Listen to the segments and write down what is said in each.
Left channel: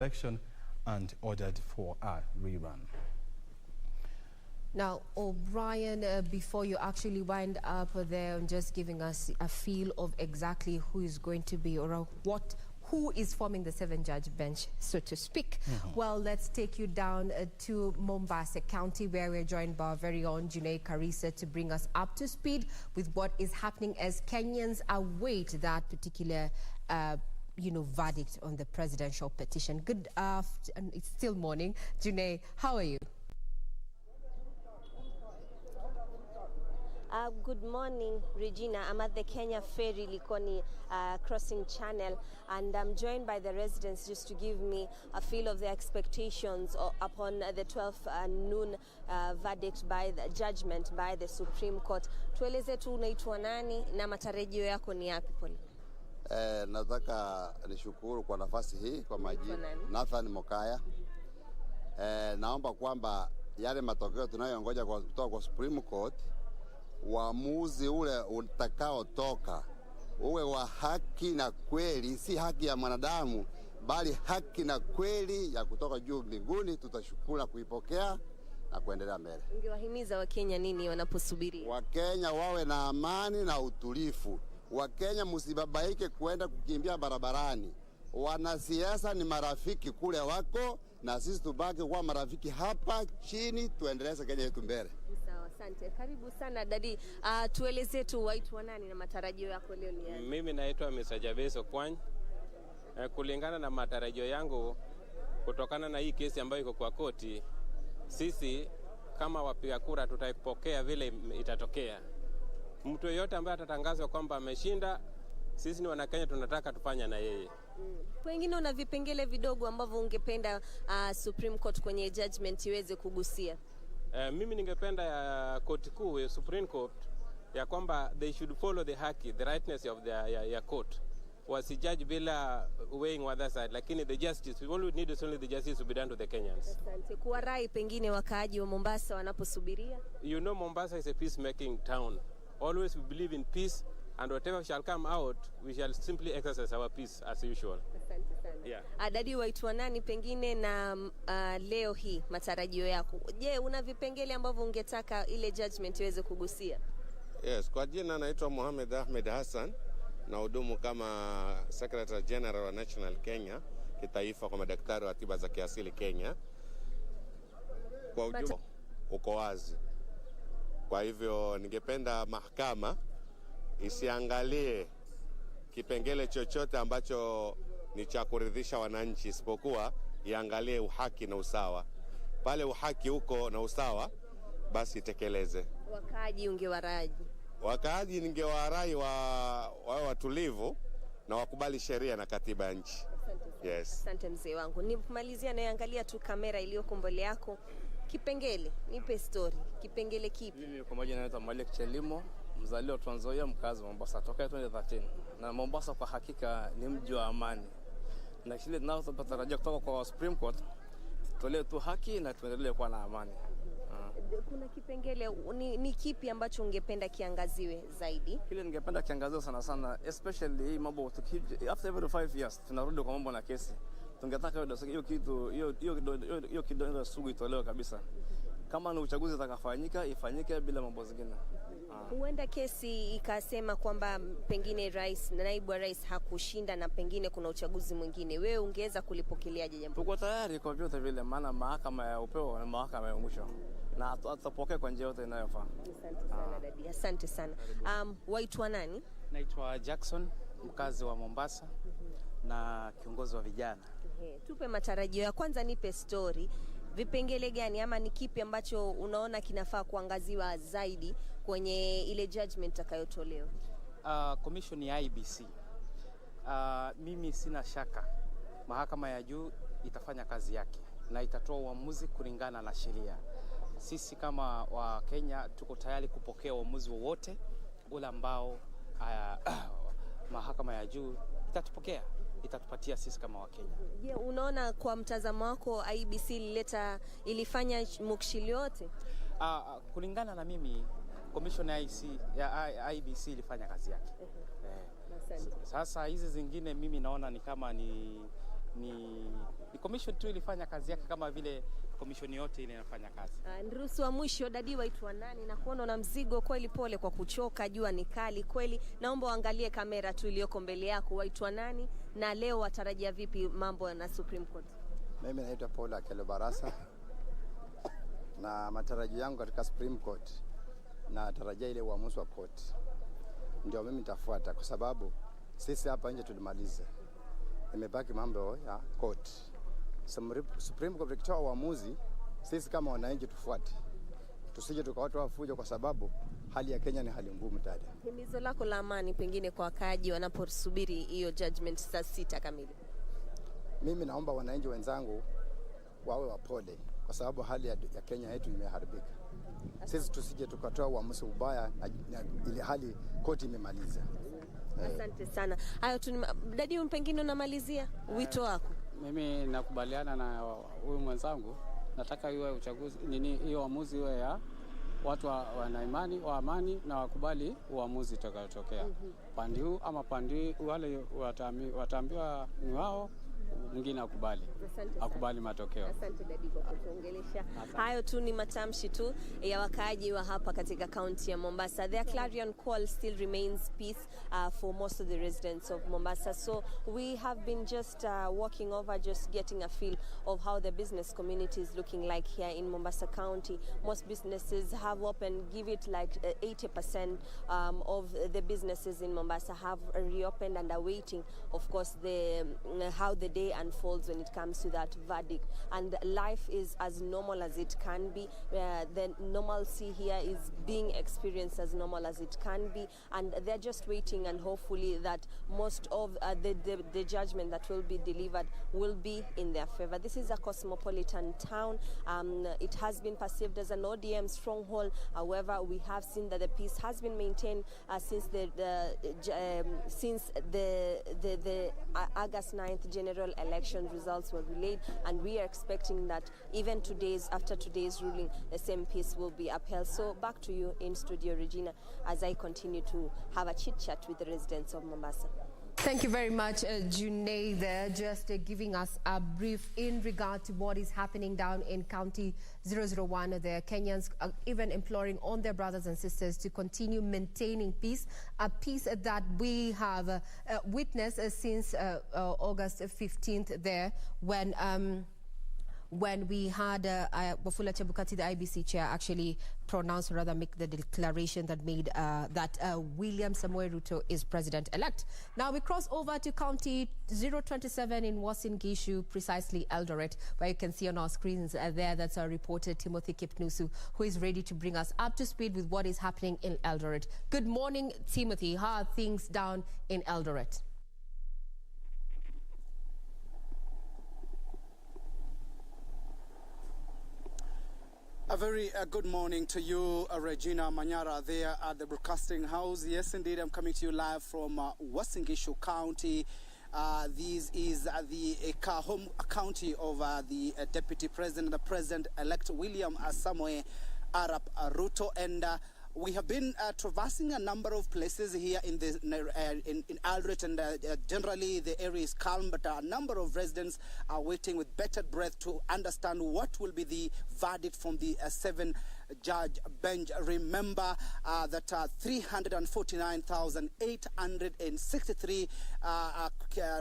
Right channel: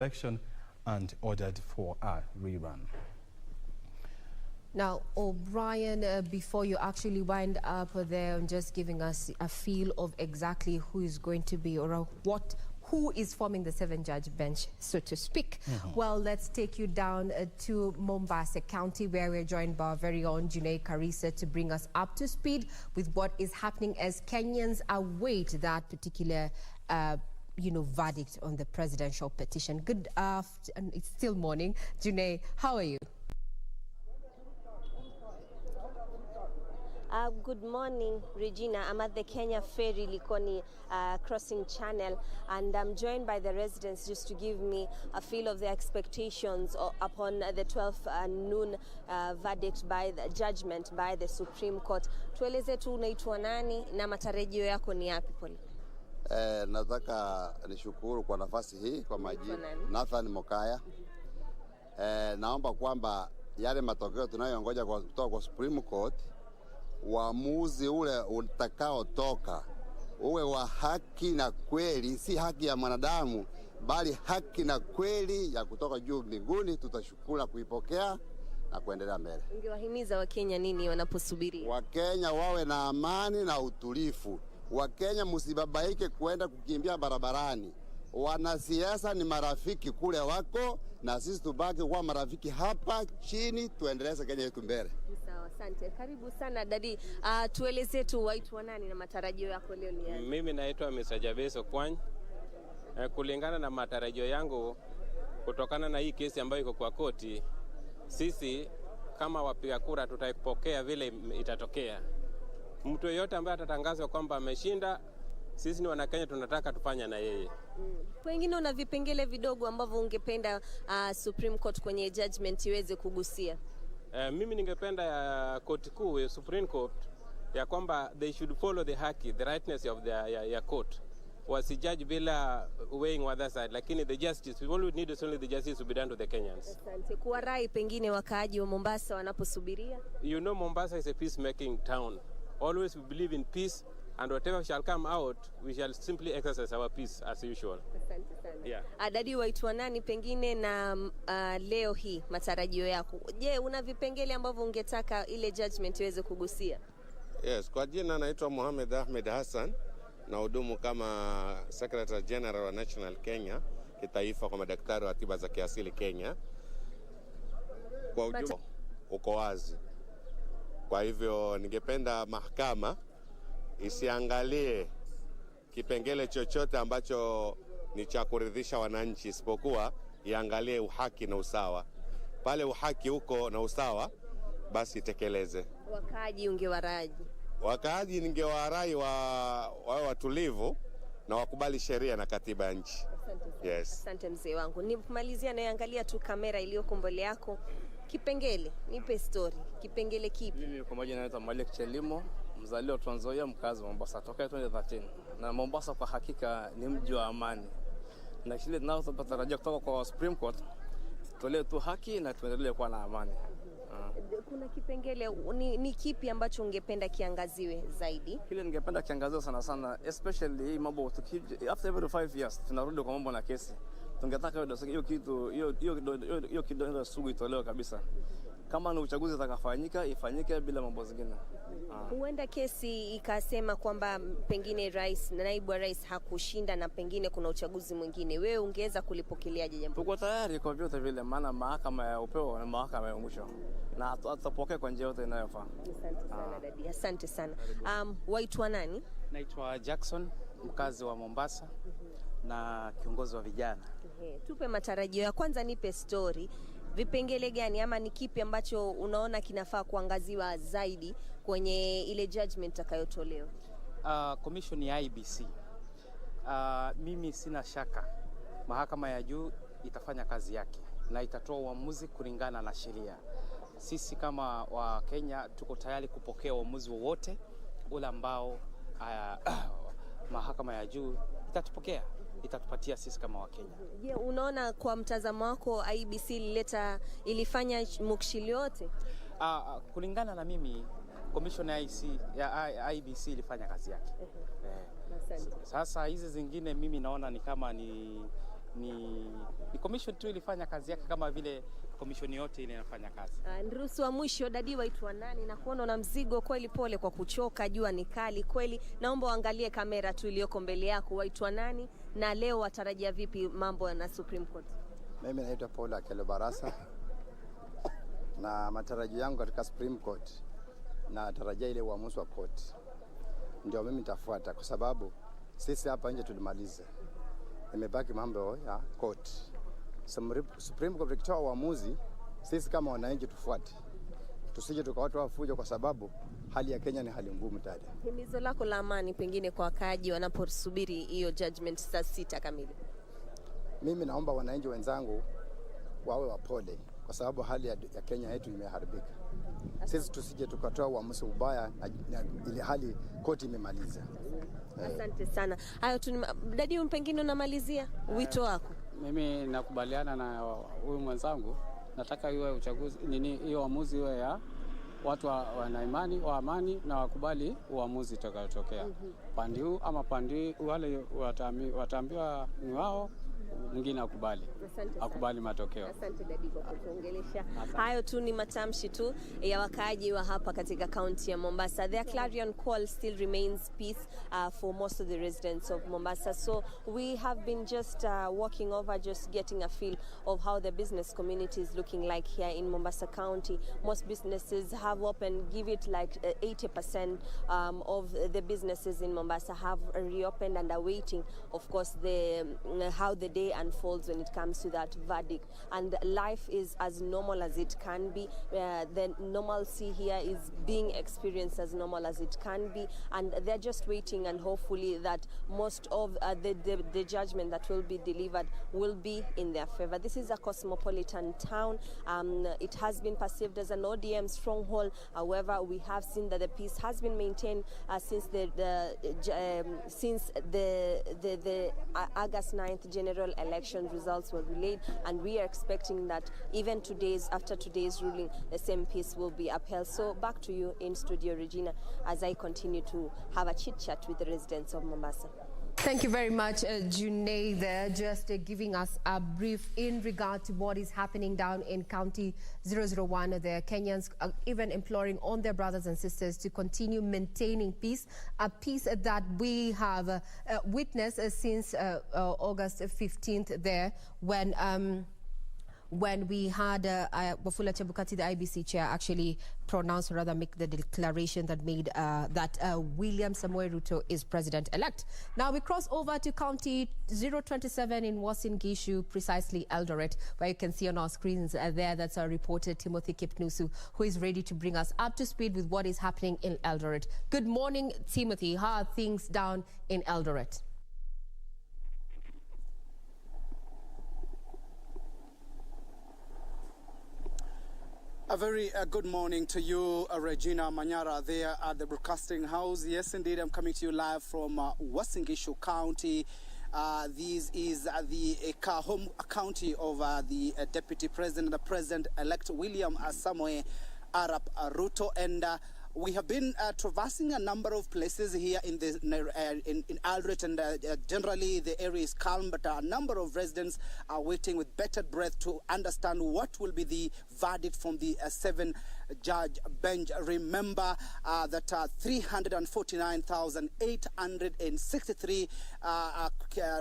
election and ordered for a rerun. Now, O'Brien, before you actually wind up there, just giving us a feel of exactly who is going to be or who is forming the seven-judge bench, so to speak. Well, let's take you down to Mombasa County, where we're joined by our very own Junaid Karisa to bring us up to speed with what is happening as Kenyans await that particular verdict on the presidential petition. Good afternoon. It's still morning. Junaid, how are you? Good morning, Regina. I'm at the Kenya Ferry Likoni crossing channel, and I'm joined by the residents just to give me a feel of the expectations upon the 12th noon verdict by the judgment by the Supreme Court. Tueleze tu unaitwa nani na matarajio yako ni yapi pole? Nataka nishukuru kwa nafasi hii kwa majina Nathan Mokaya. Naomba kwamba yale matokeo tunayongoja kutoka kwa Supreme Court, uamuzi ule utakao toka uwe wa haki na kweli, si haki ya mwanadamu bali haki na kweli ya kutoka juu mbinguni. Tutashukuru kuipokea na kuendelea mbele. Ungewahimiza Wakenya nini wanaposubiri? Wakenya wawe na amani na utulivu. Wakenya msibabaike kwenda kukimbia barabarani. Wanasiasa ni marafiki kule wako, na sisi tubaki kwa marafiki hapa chini, tuendeleze Kenya yetu mbele. Sawa, asante. Karibu sana dadi. Tueleze tu waitwa nani na matarajio yako leo ni yapi? Mimi naitwa Mr. Jabeso Kwany. Kulingana na matarajio yangu kutokana na hii kesi ambayo iko kwa koti, sisi kama wapiga kura tutaipokea vile itatokea. Mtu yeyote ambaye atatangazwa kwamba ameshinda, sisi ni Wanakenya tunataka tufanya na yeye. Pengine una vipengele vidogo ambavyo ungependa Supreme Court kwenye judgment iweze kugusia? Mimi ningependa ya koti kuu, Supreme Court, ya kwamba they should follow the haki, the rightness of the court. Wasijudge bila weighing other side, lakini the justice, all we need is only the justice to be done to the Kenyans. Asante. Kwa rai pengine wakaaji wa Mombasa wanaposubiria? You know, Mombasa is a peacemaking town. Always we believe in peace, and whatever shall come out, we shall simply exercise our peace as usual. Asante sana. Yeah. Dadi, waitwa nani pengine na leo hii matarajio yako? Je, una vipengele ambavyo ungetaka ile judgment iweze kugusia? Yes, kwa jina naitwa Mohamed Ahmed Hassan, na hudumu kama Secretary General wa National Kenya kitaifa kwa madaktari wa tiba za kiasili Kenya. Kwa ujumla uko wazi. Kwa hivyo ningependa mahakama isiangalie kipengele chochote ambacho ni cha kuridhisha wananchi, isipokuwa iangalie uhaki na usawa. Pale uhaki uko na usawa, basi tekeleze. Wakaaji ungewaraji? Wakaaji ningewarai wawe watulivu na wakubali sheria na katiba ya nchi. Asante. Yes. Asante mzee wangu. Nimalizia naangalia tu kamera iliyoko mbele yako. Kipengele, nipe story. Kipengele kipi? Mimi kwa majina naitwa Malik Chelimo, mzaliwa Trans Nzoia, mkazi wa Mombasa toka 2013. Na Mombasa kwa hakika ni mji wa amani. Na kile tunachotarajia kutoka kwa Supreme Court, tulee tu haki na tuendelee kuwa na amani. Kuna kipengele ni kipi ambacho ungependa kiangaziwe zaidi? Kile ningependa kiangaziwe sana sana, especially hii mambo after every 5 years tunarudi kwa mambo na kesi. Tungetaka hiyo kidogo sugu itolewe kabisa. Kama ni uchaguzi utakafanyika, ifanyike bila mambo zingine. Huenda kesi ikasema kwamba pengine rais na naibu wa rais hakushinda na pengine kuna uchaguzi mwingine. Wewe ungeweza kulipokeleaje jambo? Tuko tayari kwa vyote vile, maana mahakama ya upeo na mahakama ya mwisho, na tutapokea kwa njia yote inayofaa. Asante sana dadi. Asante sana. Waitwa nani? Naitwa Jackson, mkazi wa Mombasa na kiongozi wa vijana. Tupe matarajio ya kwanza, nipe story. Vipengele gani ama ni kipi ambacho unaona kinafaa kuangaziwa zaidi kwenye ile judgment itakayotolewa? Commission ya IBC. Mimi sina shaka mahakama ya juu itafanya kazi yake na itatoa uamuzi kulingana na sheria. Sisi kama wa Kenya tuko tayari kupokea uamuzi wowote ule ambao mahakama ya juu itatupatia sisi kama Wakenya. Je, unaona kwa mtazamo wako IBC ilifanya mukshili yote? Kulingana na mimi, commission ya IBC ilifanya kazi yake. Sasa hizi zingine mimi naona ni kama ni ni commission tu ilifanya kazi yake kama vile commission yote ile inafanya kazi. Ndurusu wa mwisho, dadi waitwa nani? Na kuona na mzigo kweli, pole kwa kuchoka, jua ni kali kweli. Naomba uangalie kamera tu iliyoko mbele yako, waitwa nani na leo watarajia vipi mambo na Supreme Court? Mimi naitwa Paul Akelo Barasa, na matarajio yangu katika Supreme Court na tarajia ile uamuzi wa court ndio mimi nitafuata, kwa sababu sisi hapa nje tulimaliza, imebaki mambo ya court. Supreme Court ikitoa uamuzi, sisi kama wananchi tufuate, tusije tukawatoa wafujo, kwa sababu hali ya Kenya ni hali ngumu dada. Himizo lako la amani pengine kwa wakaaji wanaposubiri hiyo judgment saa 6 kamili? Mimi naomba wananchi wenzangu wawe wapole, kwa sababu hali ya Kenya yetu imeharibika. Sisi tusije tukatoa uamuzi ubaya na ile hali koti imemaliza. Asante sana. Hayo tu dadi, pengine unamalizia wito wako? Mimi nakubaliana na huyu mwenzangu, nataka iwe uchaguzi hiyo uamuzi iwe ya watu wana imani wa amani na wakubali uamuzi utakayotokea. Pande huu ama pande wale wataambiwa ni wao, mwingine akubali matokeo. Asante dadi kwa kutuongelesha. Hayo tu ni matamshi tu ya wakaaji wa hapa katika kaunti ya Mombasa. Their clarion call still remains peace for most of the residents of Mombasa. So we have been just walking over, just getting a feel of how the business community is looking like here in Mombasa County. Most businesses have opened, give it like 80% of the businesses in Mombasa have reopened and are waiting, of course, how the day unfolds when it comes to that verdict. And life is as normal as it can be. The normalcy here is being experienced as normal as it can be, and they're just waiting, and hopefully that most of the judgment that will be delivered will be in their favor. This is a cosmopolitan town. It has been perceived as an ODM stronghold. However, we have seen that the peace has been maintained since the August 9th general election results were relayed, and we are expecting that even after today's ruling, the same peace will be upheld. So back to you in studio, Regina, as I continue to have a chit-chat with the residents of Mombasa. Thank you very much, Junaid, there, just giving us a brief in regard to what is happening down in County 001. The Kenyans are even imploring on their brothers and sisters to continue maintaining peace, a peace that we have witnessed since August 15th there, when we had Wafula Chebukati, the IBC chair, actually pronounce, or rather make the declaration that made that William Samoei Ruto is president-elect. Now we cross over to County 027 in Uasin Gishu, precisely Eldoret, where you can see on our screens there, that's our reporter Timothy Kipnusu, who is ready to bring us up to speed with what is happening in Eldoret. Good morning, Timothy. How are things down in Eldoret? A very good morning to you, Regina Manyara, there at the Broadcasting House. Yes, indeed, I'm coming to you live from Uasin Gishu County. This is the home county of the Deputy President, the President-elect William Samoei Arap Ruto, and we have been traversing a number of places here in Eldoret, and generally the area is calm, but a number of residents are waiting with bated breath to understand what will be the verdict from the 7-judge bench. Remember that 349,863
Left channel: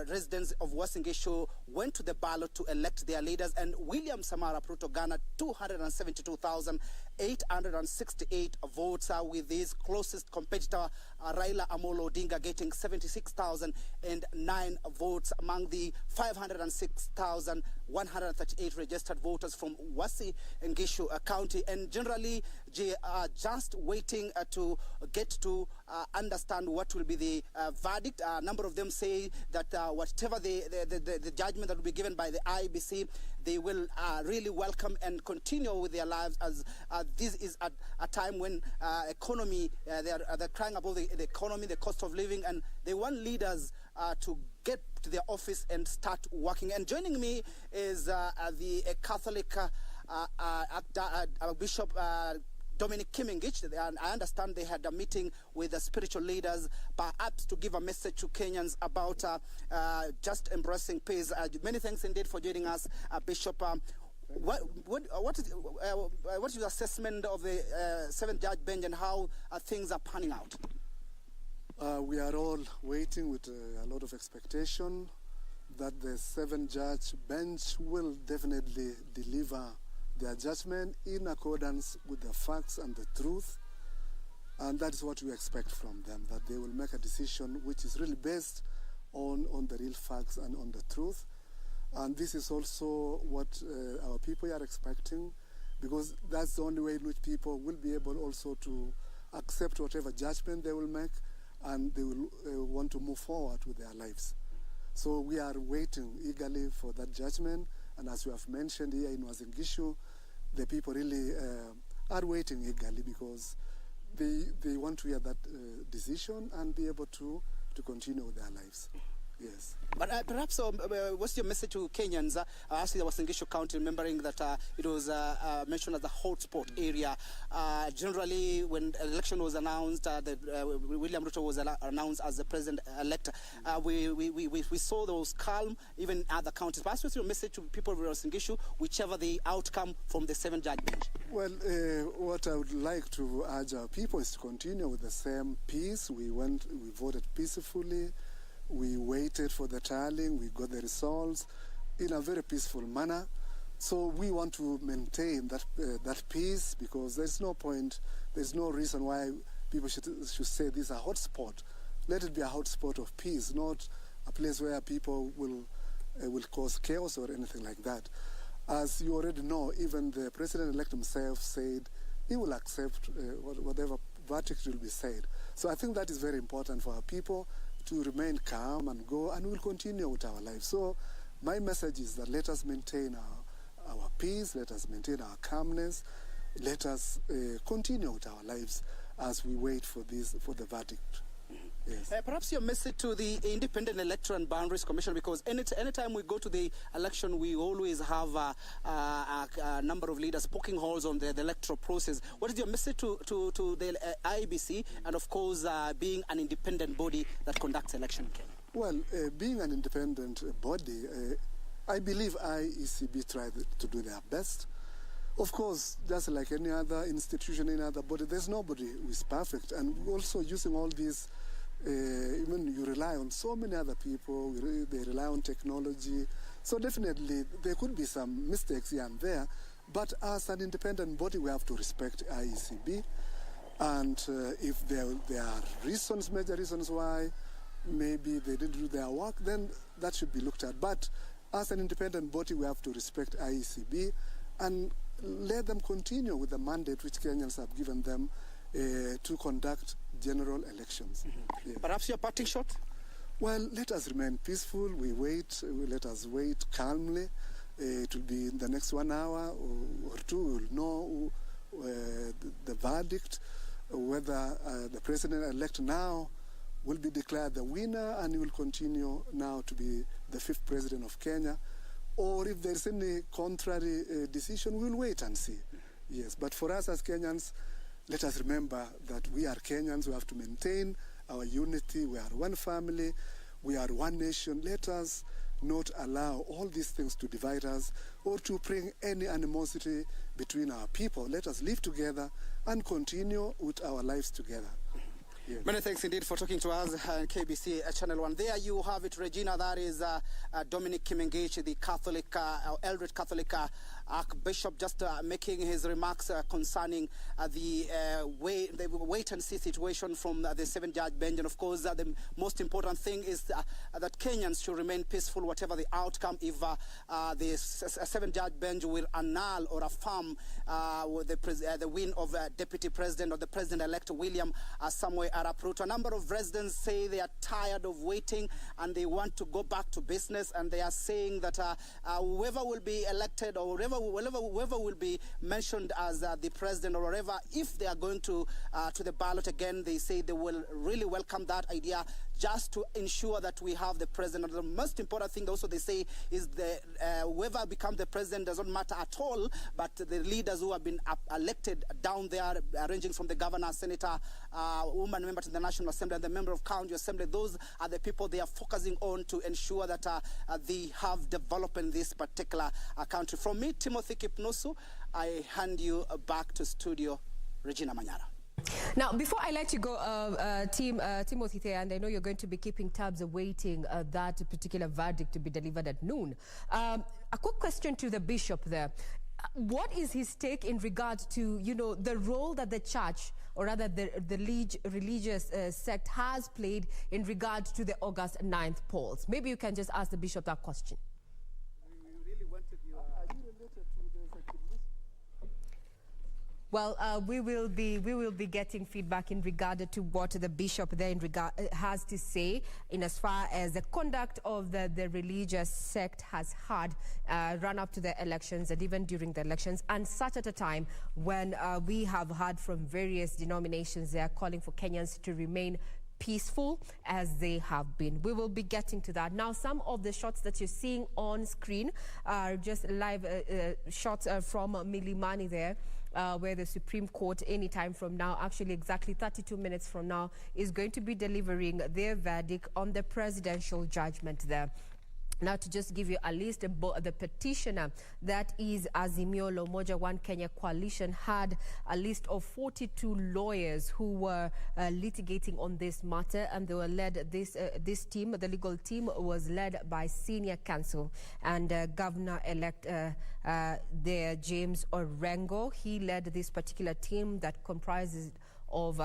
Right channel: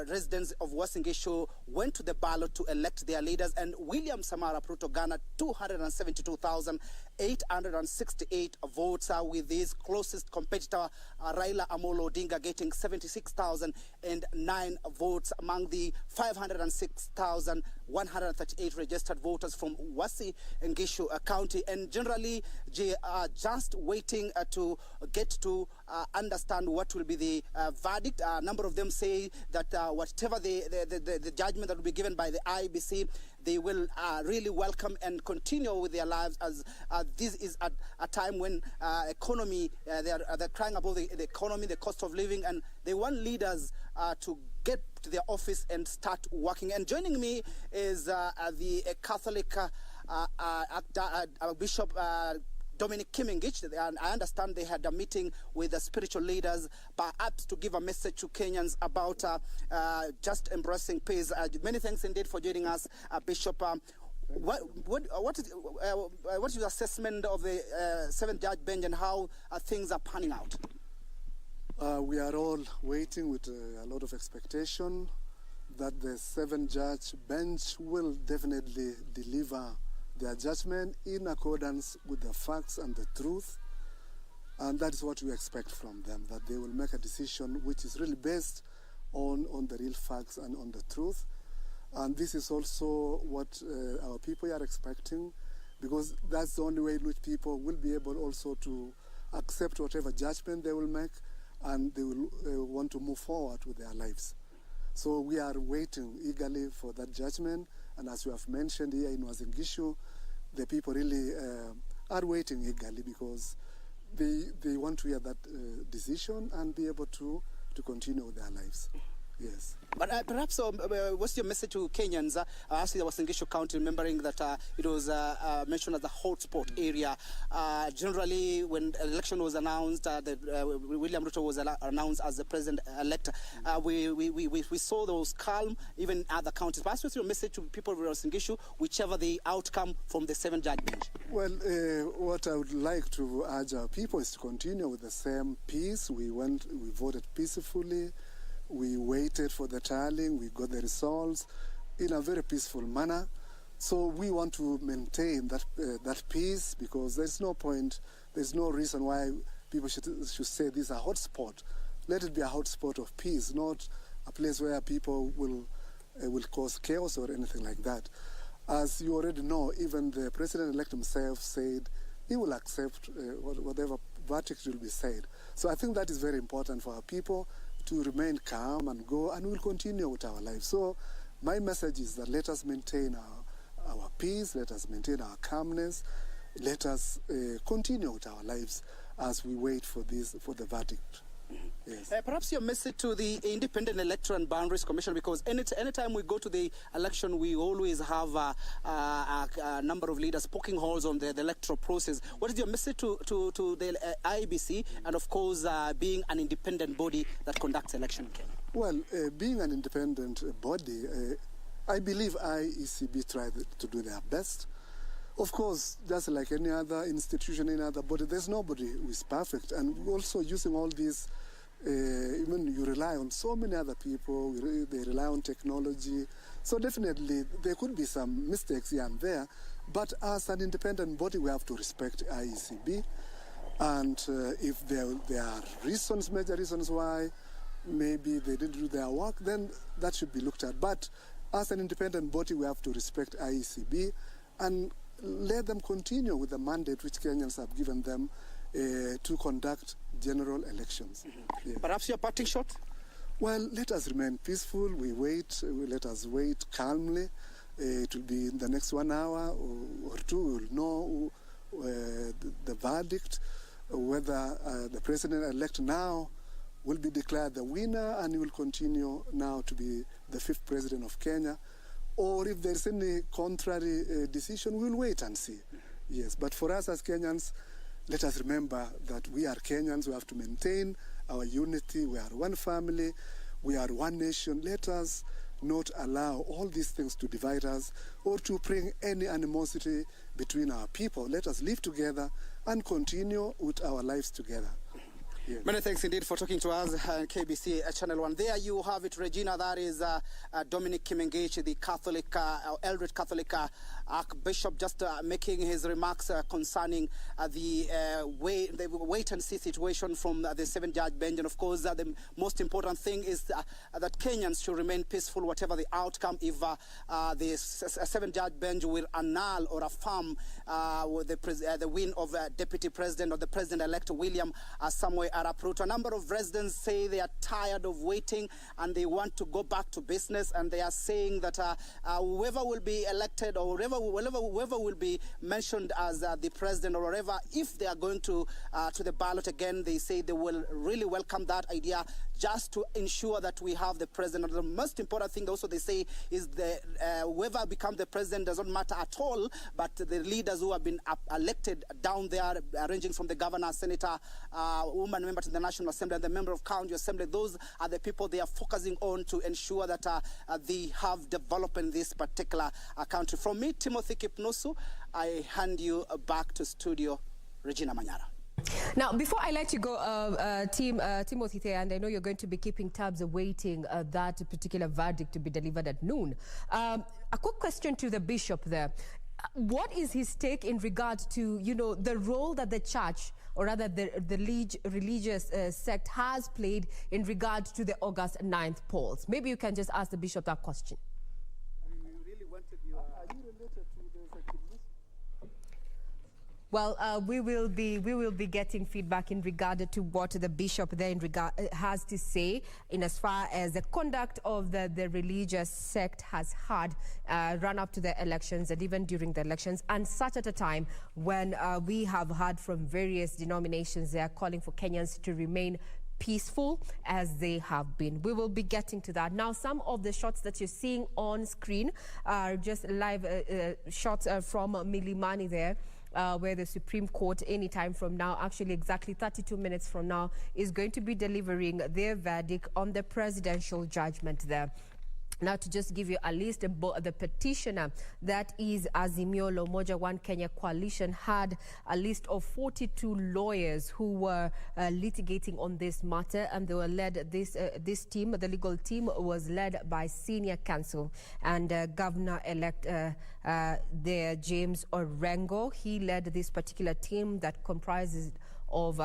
residents of Uasin Gishu went to the ballot to elect their leaders, and William Samoei Arap Ruto garnered 272,868 votes, with his closest competitor Raila Amolo Odinga getting 76,009 votes among the 506,138 registered voters from Uasin Gishu County. And generally, just waiting to get to understand what will be the verdict. A number of them say that whatever the judgment that will be given by the IBC, they will really welcome and continue with their lives, as this is a time when economy, they're crying about the economy, the cost of living, and they want leaders to get to their office and start working. And joining me is the Catholic Bishop Dominic Kimengich. And I understand they had a meeting with the spiritual leaders, perhaps to give a message to Kenyans about just embracing peace. Many thanks indeed for joining us, Bishop. What is your assessment of the seventh judge bench and how things are panning out? We are all waiting with a lot of expectation that the seventh judge bench will definitely deliver their judgment in accordance with the facts and the truth. And that is what we expect from them, that they will make a decision which is really based on the real facts and on the truth. And this is also what our people are expecting, because that's the only way in which people will be able also to accept whatever judgment they will make, and they will want to move forward with their lives. So we are waiting eagerly for that judgment. And as you have mentioned here in Uasin Gishu, the people really are waiting eagerly because they want to hear that decision and be able to continue with their lives. Yes. But perhaps what's your message to Kenyans? Actually, Uasin Gishu County, remembering that it was mentioned as a hotspot area. Generally, when election was announced, William Ruto was announced as the president-elect. We saw those calm, even in other counties. Perhaps what's your message to people of Uasin Gishu, whichever the outcome from the seventh judge bench? Well, what I would like to urge our people is to continue with the same peace. We voted peacefully. We waited for the tallying, we got the results in a very peaceful manner. So we want to maintain that peace, because there's no point, there's no reason why people should say this is a hotspot. Let it be a hotspot of peace, not a place where people will cause chaos or anything like that. As you already know, even the president-elect himself said he will accept whatever verdict will be said. So I think that is very important for our people to remain calm and go, and we'll continue with our lives. So my message is that let us maintain our peace, let us maintain our calmness, let us continue with our lives as we wait for the verdict. Yes. Perhaps your message to the Independent Electoral and Boundaries Commission, because anytime we go to the election, we always have a number of leaders poking holes on the electoral process. What is your message to the IEBC, and of course being an independent body that conducts election? Well, being an independent body, I believe IECB tried to do their best. Of course, just like any other institution, any other body, there's nobody who is perfect. And also using all these, even you rely on so many other people, they rely on technology. So definitely there could be some mistakes here and there. But as an independent body, we have to respect IECB. And if there are reasons, major reasons why maybe they didn't do their work, then that should be looked at. But as an independent body, we have to respect IECB and let them continue with the mandate which Kenyans have given them to conduct general elections. Mm-hmm. Yeah. Perhaps your parting shot? Well, let us remain peaceful. Let us wait calmly. It will be in the next 1 hour or two. We'll know the verdict, whether the president-elect now will be declared the winner and he will continue now to be the 5th president of Kenya. Or if there's any contrary decision, we'll wait and see. Yes, but for us as Kenyans, let us remember that we are Kenyans. We have to maintain our unity. We are one family. We are one nation. Let us not allow all these things to divide us or to bring any animosity between our people. Let us live together and continue with our lives together. Yes. Many thanks indeed for talking to us, KBC Channel 1. There you have it, Regina. That is Dominic Kimengich, the Catholic, Eldred Catholic Archbishop, just making his remarks concerning the wait-and-see situation from the seven-judge bench. And of course, the most important thing is that Kenyans should remain peaceful, whatever the outcome. If the seven-judge bench will annul or affirm the win of Deputy President or the President-elect William Samoei Arap Ruto. A number of residents say they are tired of waiting and they want to go back to business, and they are saying that whoever will be elected or whoever will be mentioned as the president or whatever, if they are going to the ballot again, they say they will really welcome that idea, just to ensure that we have the president. The most important thing also they say is the whoever becomes the president doesn't matter at all, but the leaders who have been elected down there, ranging from the governor, senator, woman member to the National Assembly, and the member of county assembly, those are the people they are focusing on to ensure that they have development in this particular country. From me, Timothy Kipnusu, I hand you back to studio, Regina Manyara. Now, before I let you go, Timothy there, and I know you're going to be keeping tabs awaiting that particular verdict to be delivered at noon. A quick question to the bishop there. What is his take in regard to, you know, the role that the church, or rather the religious sect has played in regard to the August 9th polls? Maybe you can just ask the bishop that question. We really wanted you... Are you related to the kidneys? Well, we will be getting feedback in regard to what the bishop there has to say in as far as the conduct of the religious sect has had run up to the elections and even during the elections, and such at a time when we have heard from various denominations they are calling for Kenyans to remain peaceful as they have been. We will be getting to that. Now, some of the shots that you're seeing on screen are just live shots from Milimani there. Where the Supreme Court anytime from now, actually exactly 32 minutes from now, is going to be delivering their verdict on the presidential judgment there. Now, to just give you a list, the petitioner, that is Azimio la Umoja One Kenya Coalition, had a list of 42 lawyers who were litigating on this matter, and they were led, this team, the legal team, was led by senior counsel and Governor-elect there, James Orengo. He led this particular team that comprises of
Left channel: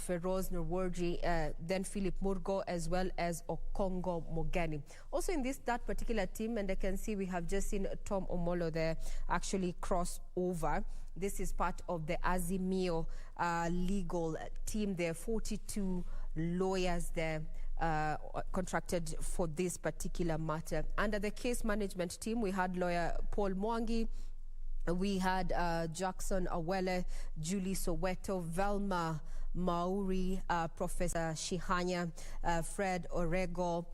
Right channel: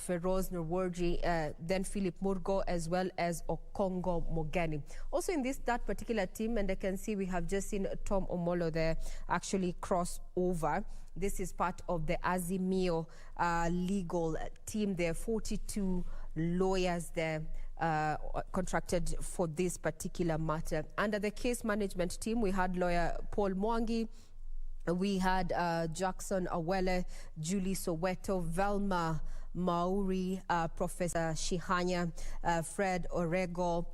Feroz Nurwarji, then Philip Murgo, as well as Okongo Mogeni. Also in that particular team, and I can see we have just seen Tom Omolo there actually cross over. This is part of the Azimio legal team. There are 42 lawyers there contracted for this particular matter. Under the case management team, we had lawyer Paul Mwangi, we had Jackson Awele, Julie Soweto, Velma Mauri, Professor Shihanya, Fred Orego,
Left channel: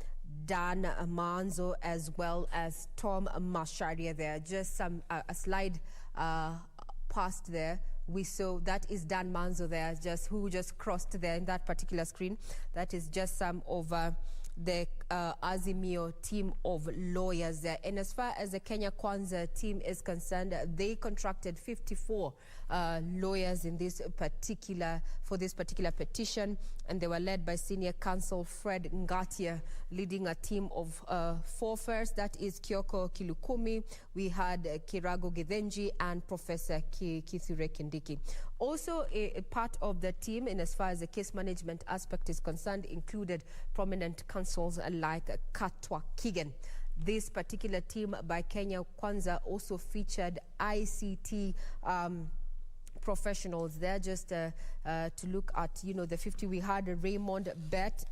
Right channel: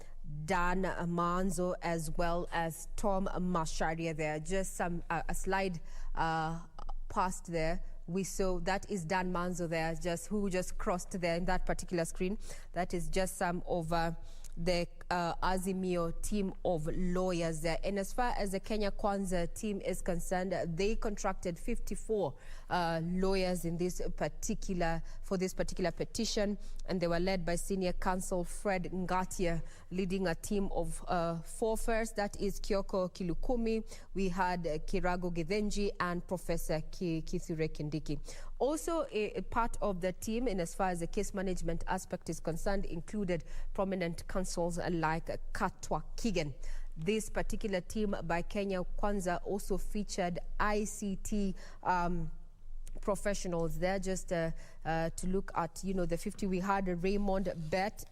Dan Manzo, as well as Tom Masharia there. Just some a slide past there. We saw that is Dan Manzo there, who just crossed there in that particular screen. That is just some of the Azimio team of lawyers there. And as far as the Kenya Kwanza team is concerned, they contracted 54 lawyers in this particular petition, and they were led by senior counsel Fred Ngatia, leading a team of 4 first. That is Kioko Kilukumi, we had Kirago Githenji, and Professor Kithure Kindiki. Also, a part of the team, in as far as the case management aspect is concerned, included prominent counsels like Katwa Kigen. This particular team by Kenya Kwanza also featured ICT professionals there, just to look at, you know, the 50. We had Raymond Bett,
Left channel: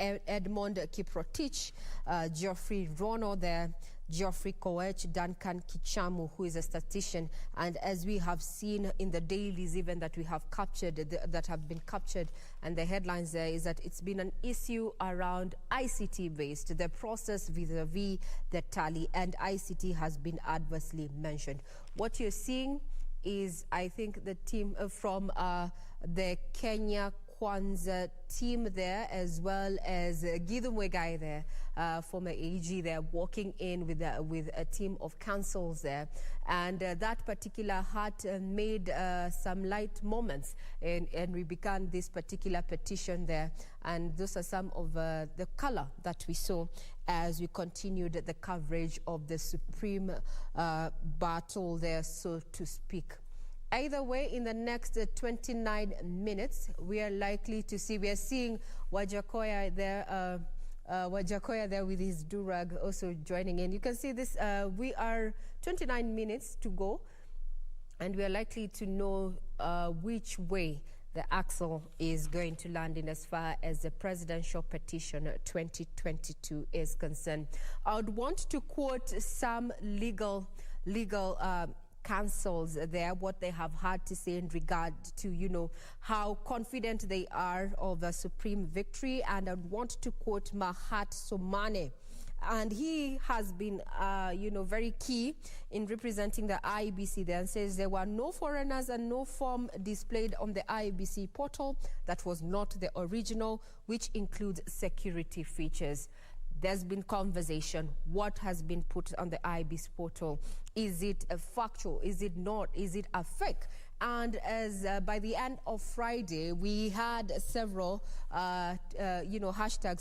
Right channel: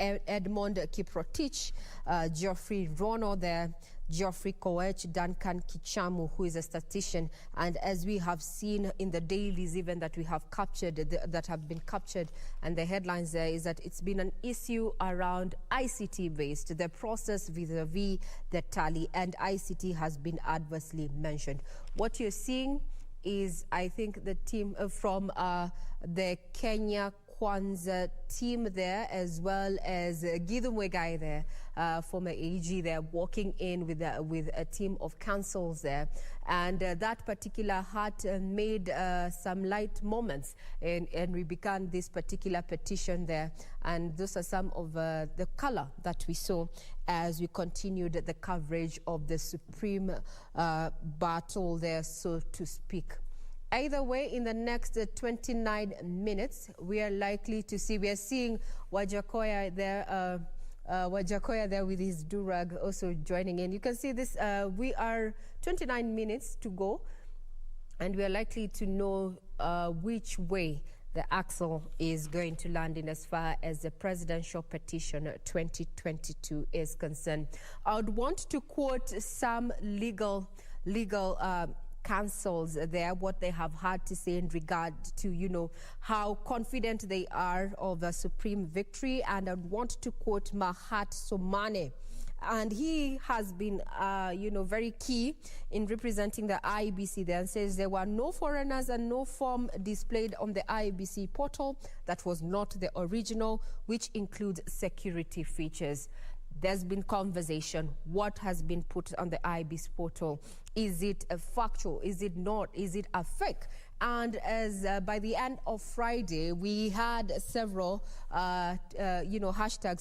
Edmond Kiprotich, Geoffrey Rono there, Geoffrey Koech, Duncan Kichamu, who is a statistician. And as we have seen in the dailies even that we have captured, that have been captured, and the headlines there is that it's been an issue around ICT-based, the process vis-a-vis the tally, and ICT has been adversely mentioned. What you're seeing is, I think, the team from the Kenya Kwanza team there, as well as Gideon Wegai there, former AG there, walking in with a team of counsels there. And that particular had made some light moments, and we began this particular petition there. And those are some of the color that we saw as we continued the coverage of the Supreme battle there, so to speak. Either way, in the next 29 minutes, we are likely to see, we are seeing Wajakoya there with his durag also joining in. You can see this, we are 29 minutes to go, and we are likely to know which way the axle is going to land in as far as the presidential petition 2022 is concerned. I would want to quote some legal councils there, what they have had to say in regard to, you know, how confident they are of a supreme victory. And I want to quote Mahat Somane. And he has been, you know, very key in representing the IEBC there, and says there were no foreigners and no form displayed on the IEBC portal that was not the original, which includes security features. There's been conversation. What has been put on the IEBC portal? Is it a factual? Is it not? Is it a fake? And as by the end of Friday, we had several, you know, hashtags